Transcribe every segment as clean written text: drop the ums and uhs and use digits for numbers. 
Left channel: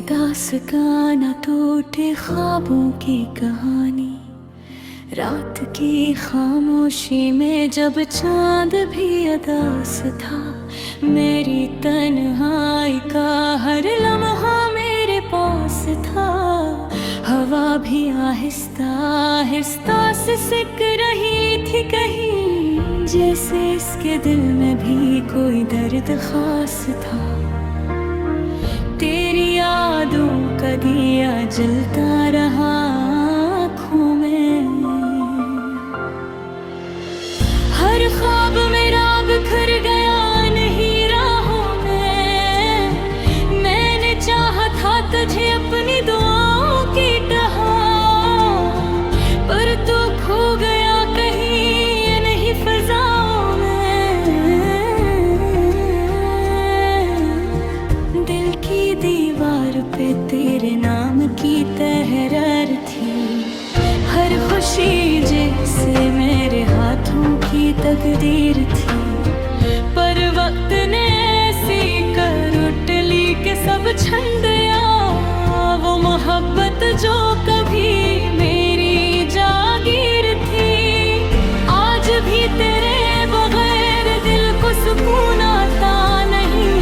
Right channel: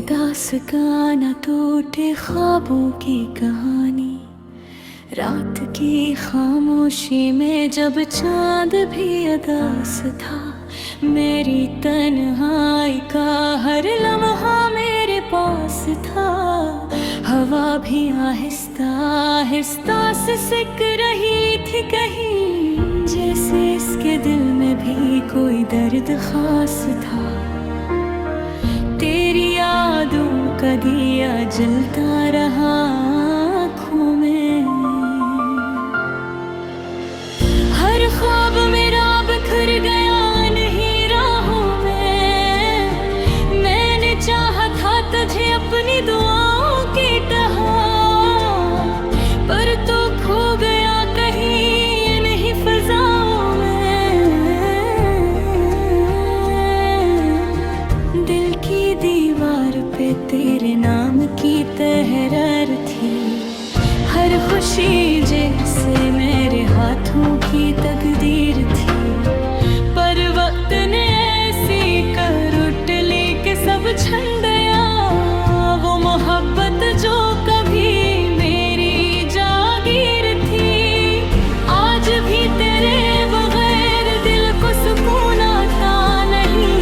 दास का न टूटे ख्वाबों की कहानी। रात की खामोशी में जब चांद भी अदास था, मेरी तन्हाई का हर लम्हा मेरे पास था। हवा भी आहिस्ता आहिस्ता सिसक रही थी कहीं, जैसे इसके दिल में भी कोई दर्द खास था। तेरी यादों का दिया जलता रहा आँखों में, हर ख्वाब मेरा बिखर गया नहीं राहों में। मैंने चाहा था तुझे अपनी दुआओं की टहा, पर तू खो गया कहीं नहीं फजाओं में। दिल की दीवार पे तेरे नाम की तहरीर थी, हर खुशी जैसे मेरे हाथों की तकदीर थी। पर वक्त ने ऐसी कर उटली के सब छन गया, वो मोहब्बत जो कभी मेरी जागीर थी। आज भी तेरे बगैर दिल को सुकून आता नहीं,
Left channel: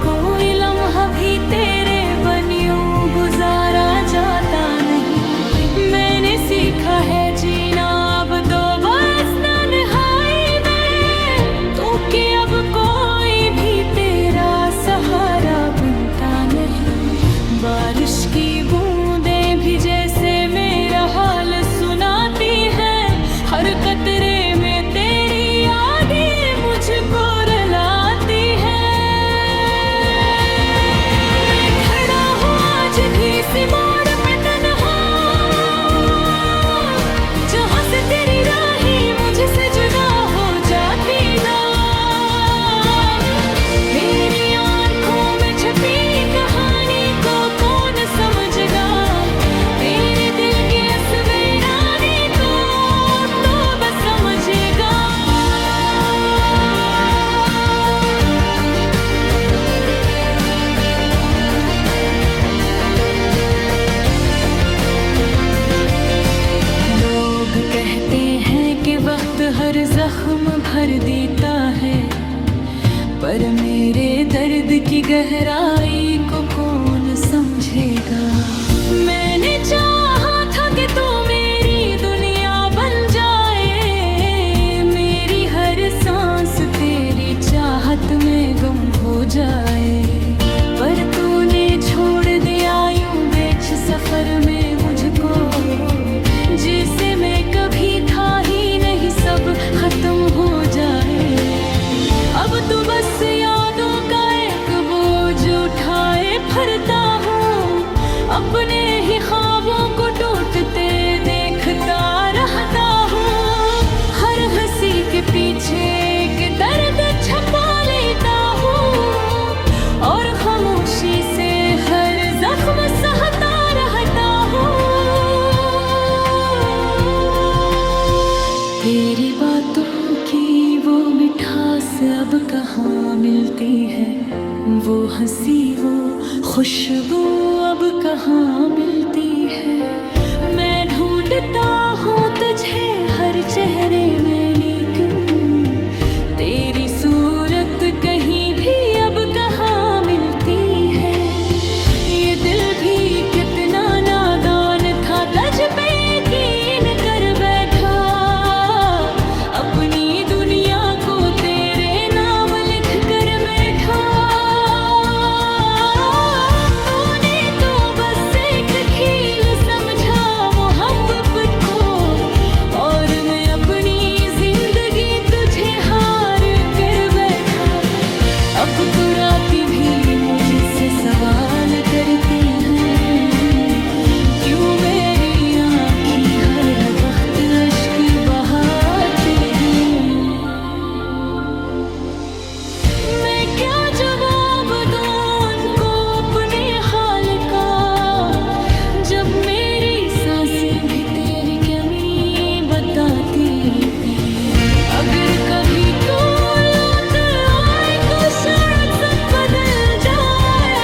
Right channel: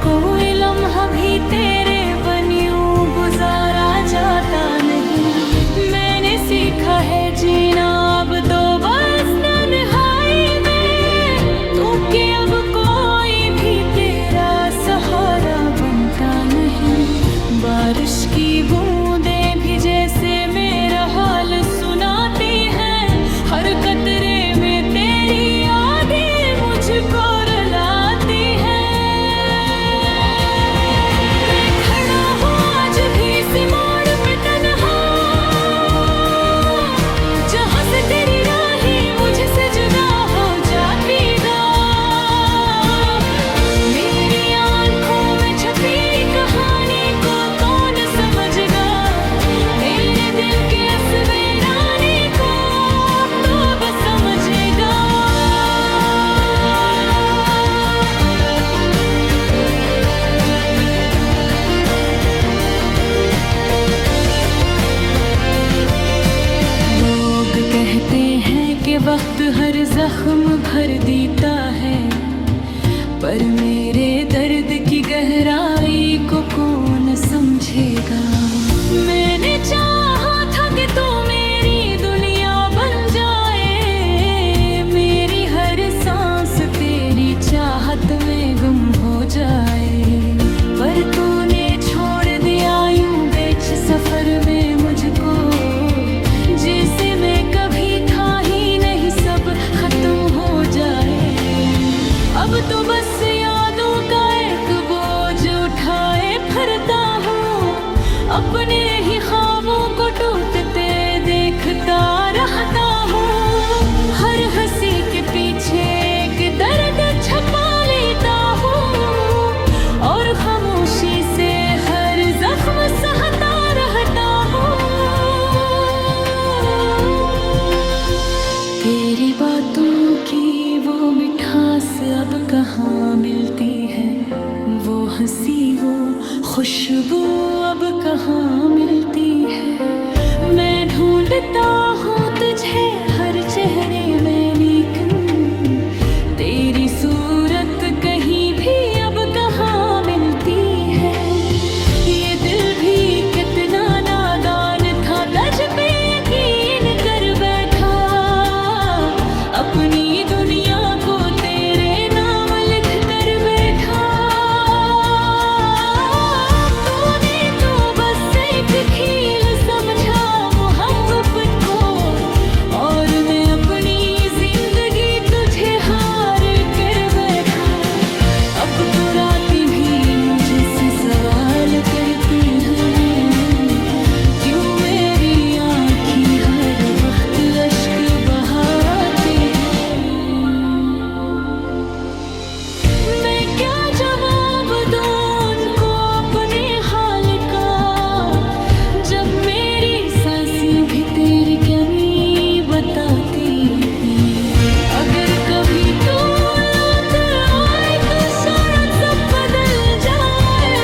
कोई लम्हा भी तेरे बनियों गुजारा जाता नहीं। मैंने सीखा है जीना अब तो बस तन्हाई में, तो कि अब कोई भी तेरा सहारा बनता नहीं। बारिश की बूंदें भी जैसे मेरा हाल सुनाती हैं, हर कतरे में तेरी यादें मुझको रुलाती हैं। मैं खड़ा हूँ आज भी इस मोड़ पे तन्हा, जहाँ से तेरी राहें मुझसे जुदा हो जाती गा। मेरी आंखों में छपी कहानी को कौन समझेगा, मेरे दिल के असवेराने को तो बस समझेगा। लोग कहते हैं कि वक्त हर जख्म भर देता है, पर मेरे दर्द की गहराई को कौन समझेगा। मैंने चाहा था कि तू मेरी दुनिया बन जाए, मेरी हर सांस तेरी चाहत में गुम हो जाए। पर तूने छोड़ दिया यूं बेच सफर में मुझको, जिसे मैं कभी था ही नहीं सब खत्म हो जाए। अब तो बस यादों का एक बोझ उठाए फिरता हूँ, अपने ही ख्वाबों को टूटते देखता रहता हूँ। हर हंसी के पीछे एक दर्द छपा लेता हूँ, और खामोशी से हर जख्म सहता रहता हूँ। तेरी बातों की वो मिठास अब कहाँ मिलती है, वो हंसी वो खुशबू अब कहाँ मिलती है। मैं ढूंढता हूँ तुझे हर चेहरे में, लेकिन तेरी सूरत कहीं भी अब कहाँ मिलती है। ये दिल भी कितना नादान था, तुझ पे यकीन कर बैठा, अपनी दुनिया को तेरे नाम लिख कर बैठा। तूने तो बस एक खेल समझा मोहब्बत को, और मैं अपनी जिंदगी तुझे हार कर बैठा। अब तो रातें भी मुझसे सवाल करती हैं, क्यों मेरी आँखें हर वक्त अश्क बहाती हैं। मैं क्या जवाब दूं उनको अपने हाल का, जब मेरी सांसें भी तेरी कमी बताती हैं। अगर कभी तू लौट आए तो शायद सब बदल जाए,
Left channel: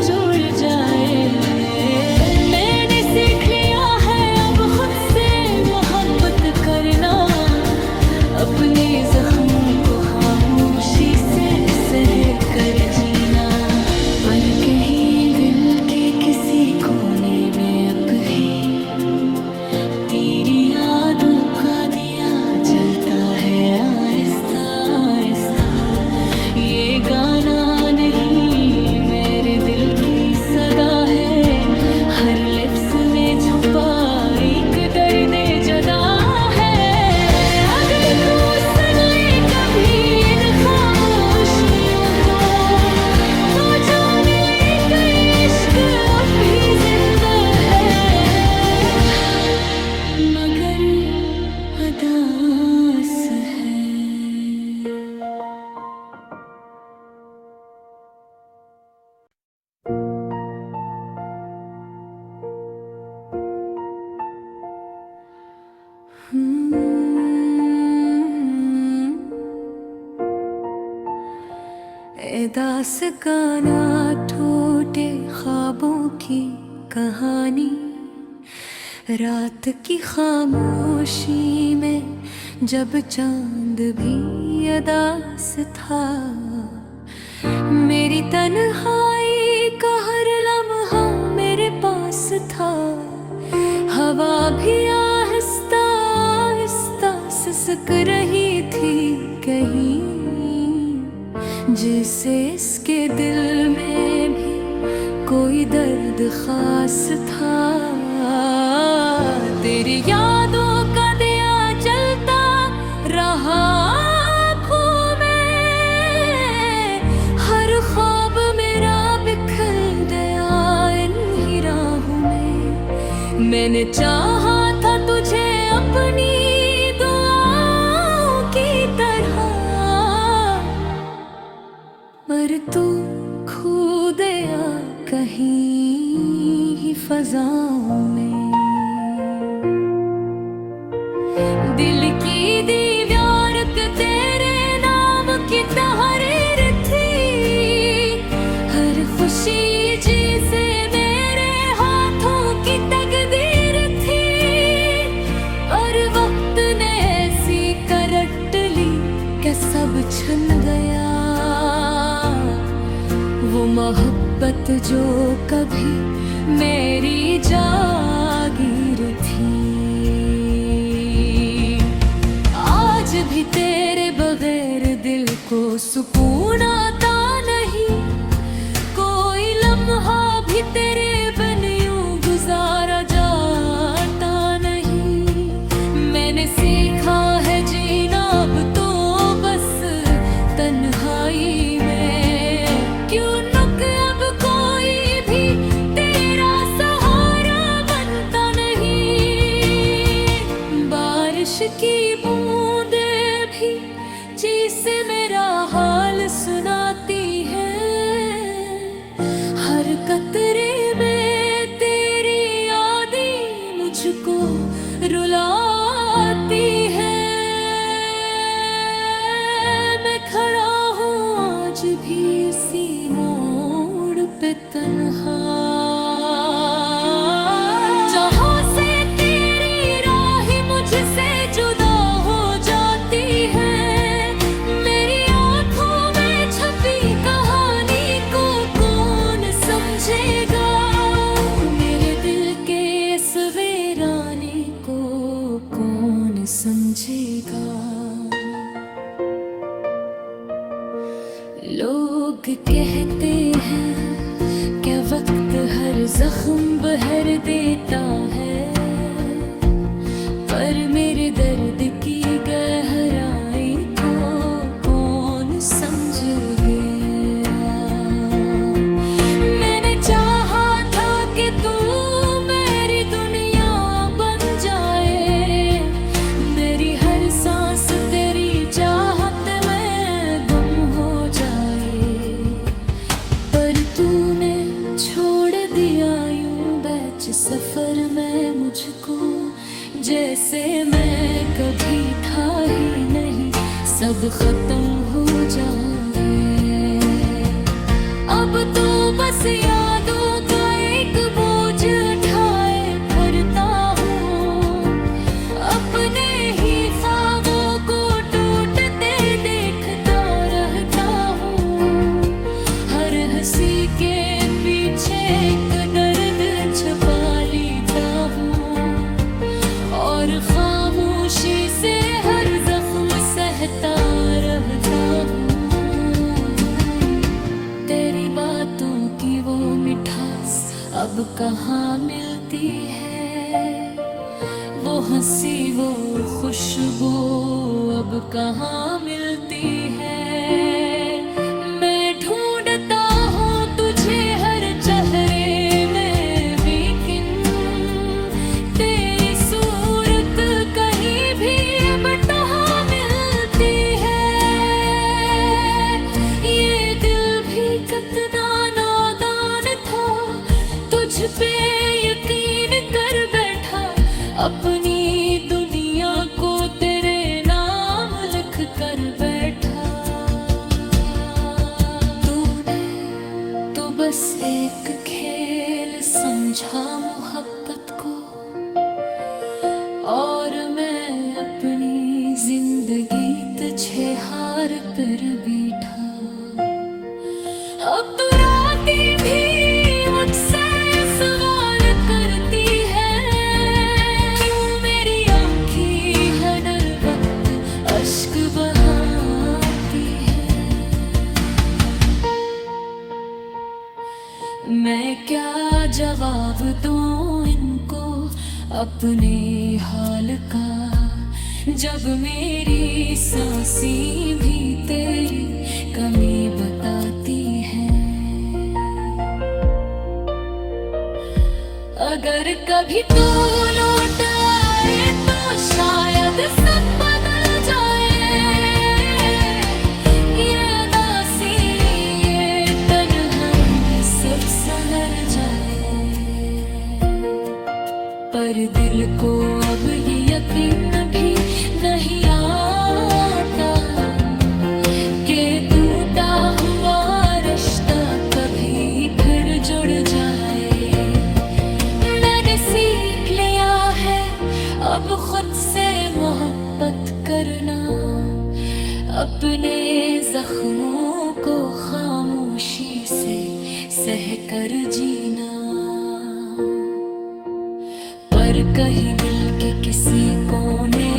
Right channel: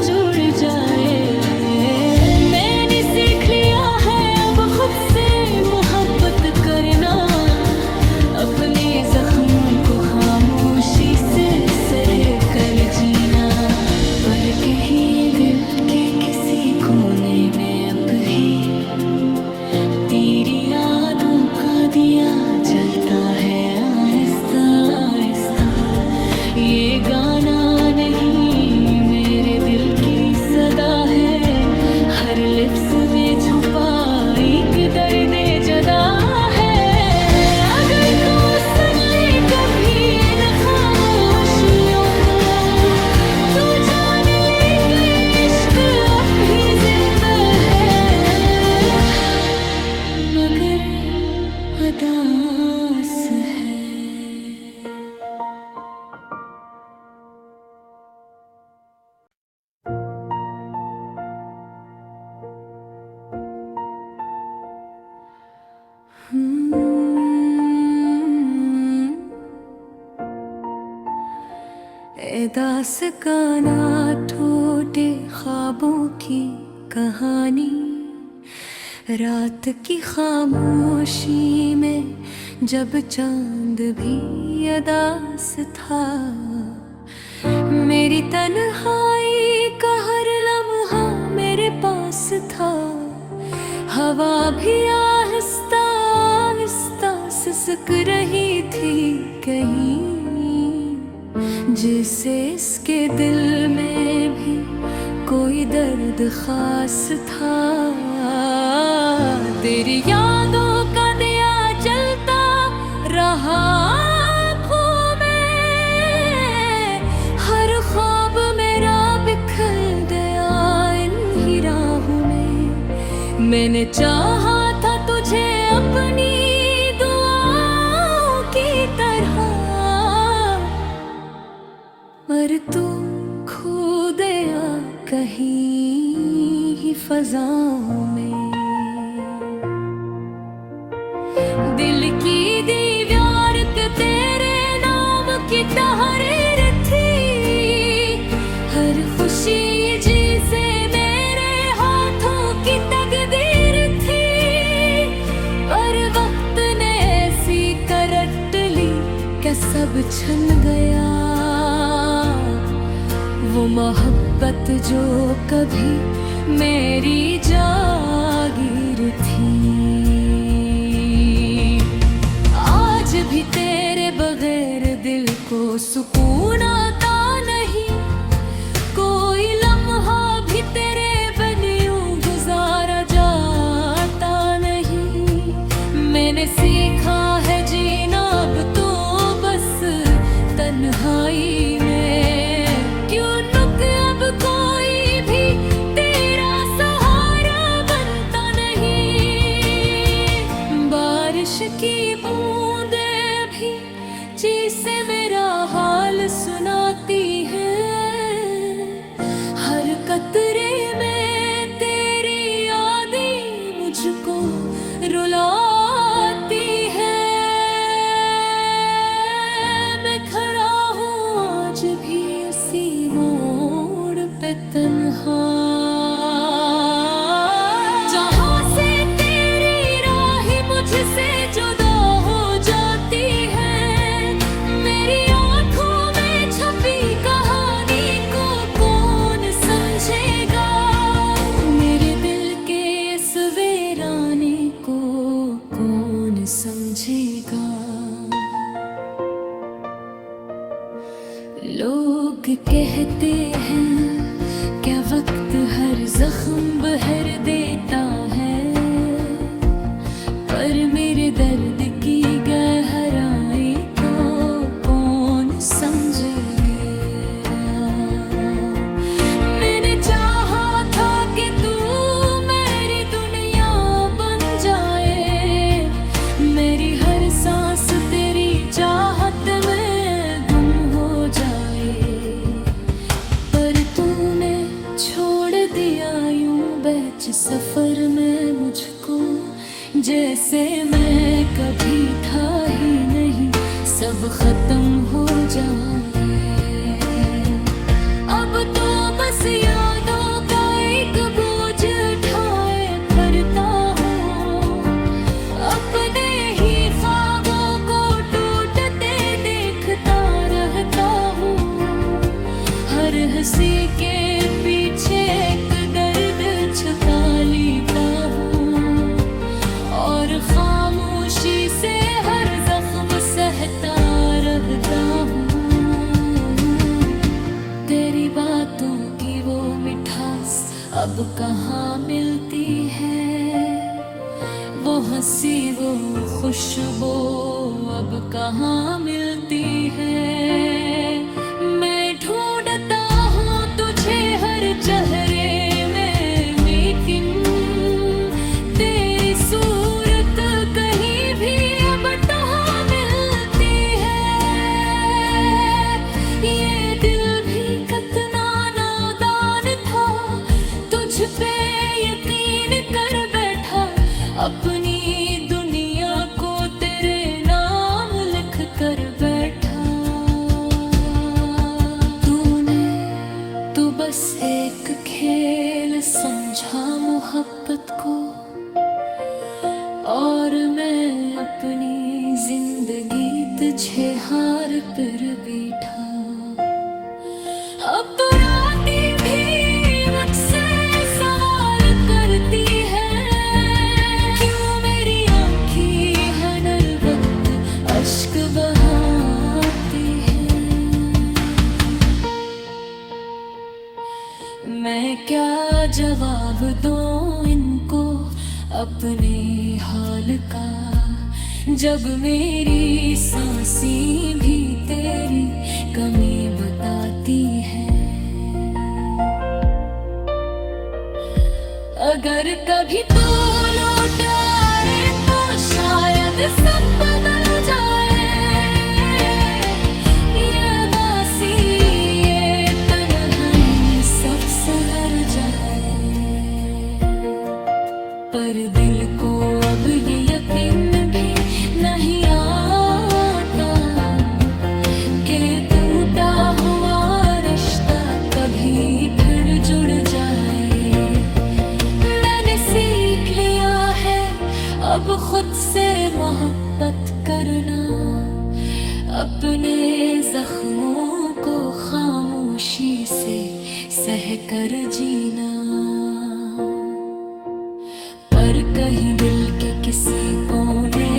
जुड़ जाए। मैंने सीख लिया है अब खुद से मोहब्बत करना, अपने जख्मों को खामोशी से सह कर जीना। पर कहीं दिल के किसी कोने में अब भी तेरी यादों का दिया जलता है आहिस्ता आहिस्ता। ये गाना नहीं मेरे दिल की सदा है, हर लिफ्स में छुपा एक दर्द जुदा है। अगर तू सुन ले कभी इन खामोशियों को, तो जान ले कि इश्क अब भी जिंदा है, मगर अदास है। दास गाना टूटे ख्वाबों की कहानी, रात की खामोशी में जब चांद भी अदास था। मेरी तन्हाई का हर लम्हा मेरे पास था, हवा भी आहिस्ता आहिस्ता सिसक रही थी कहीं, जिसे इसके दिल में भी कोई दर्द खास था। तेरी यादों का दिया जलता रहा आँखों में, हर ख्वाब मेरा बिखर गया इन ही राहों में। मैंने चाहा था तुझे अपनी दुआओं की तरह, पर तू खो गया कहीं ही फज़ाओं में। दिल की दीवार पे तेरे नाम की तहरीर थी, हर खुशी जिसे मेरे हाथों की तकदीर थी। और वक्त ने ऐसी करट ली कि सब छन गया, वो मोहब्बत जो कभी मेरी जागीर थी। आज भी तेरे बगैर दिल को सुकून आता नहीं, कोई लम्हा भी तेरे बिन यूं गुजारा जाता नहीं। मैंने सीखा है जीना अब तो बस तन्हाई में, की बूंदे भी जिसे मेरा हाल सुनाती है। हर कतरे में तेरी यादें मुझको रुलाती है। मैं खड़ा हूँ आज भी उसी मोड़ पे तन्हा, से जुदा हो जाती है। मेरी आँखों में छपी कहानी को कौन समझेगा, मेरे दिल के इस वीराने को कौन समझेगा। लोग कहते हैं क्या वक्त हर जख्म भर देता है, पर मेरे दर्द की गहराई को कौन समझेगा। मैंने चाहा था कि तू मेरी दुनिया बन जाए, मेरी हर सांस तेरी चाहत में गुम हो जाए। पर तूने छोड़ दिया यूं बैच सफर में मुझको, जैसे मैं कभी था ही नहीं, सब खत्म हो जाए। अब अब तो बस यादों का एक बोझ उठाए फिरता हूँ। अपने ही ख्वाबों को टूटते देखता रहता हूँ। हर हंसी के पीछे एक दर्द छुपा लेता हूँ और खामोशी से हर जख्म सहता रहता हूँ। तेरी बातों की वो मिठास अब कहाँ मिलती है, वो हंसी वो खुशबू अब कहाँ मिलती है। मैं ढूंढता हूँ तुझे हर चेहरे में, लेकिन तेरी सूरत कहीं भी अब कहाँ मिलती है। ये दिल भी कितना नादान था, तुझ पे यकीन कर बैठा। अपनी दुनिया को तेरे नाम लिख कर बैठा। तूने तो बस एक खेल समझा मोहब्बत को, और मैं अपनी जिंदगी तुझे हार पर बैठा। अब तो रातें भी मुझसे सवाल करती है, क्यों मेरी आँखें हर वक्त अश्क बहाती है। मैं क्या जवाब दूं इनको अपने हाल का, जब मेरी सांसें भी तेरी कमी बताती है। अगर कभी तू लौट आए तो शायद सब बदल जाए। ये उदासी ये तन्हाई सब संवर जाए, पर दिल को अब ये यकीन भी नहीं आता कि टूटा हुआ रिश्ता कभी फिर जुड़ जाए। मैंने सीख लिया है अब खुद से मोहब्बत करना, अपने जख्मों को खामोशी से सह कर जीना। पर कहीं दिल के किसी कोने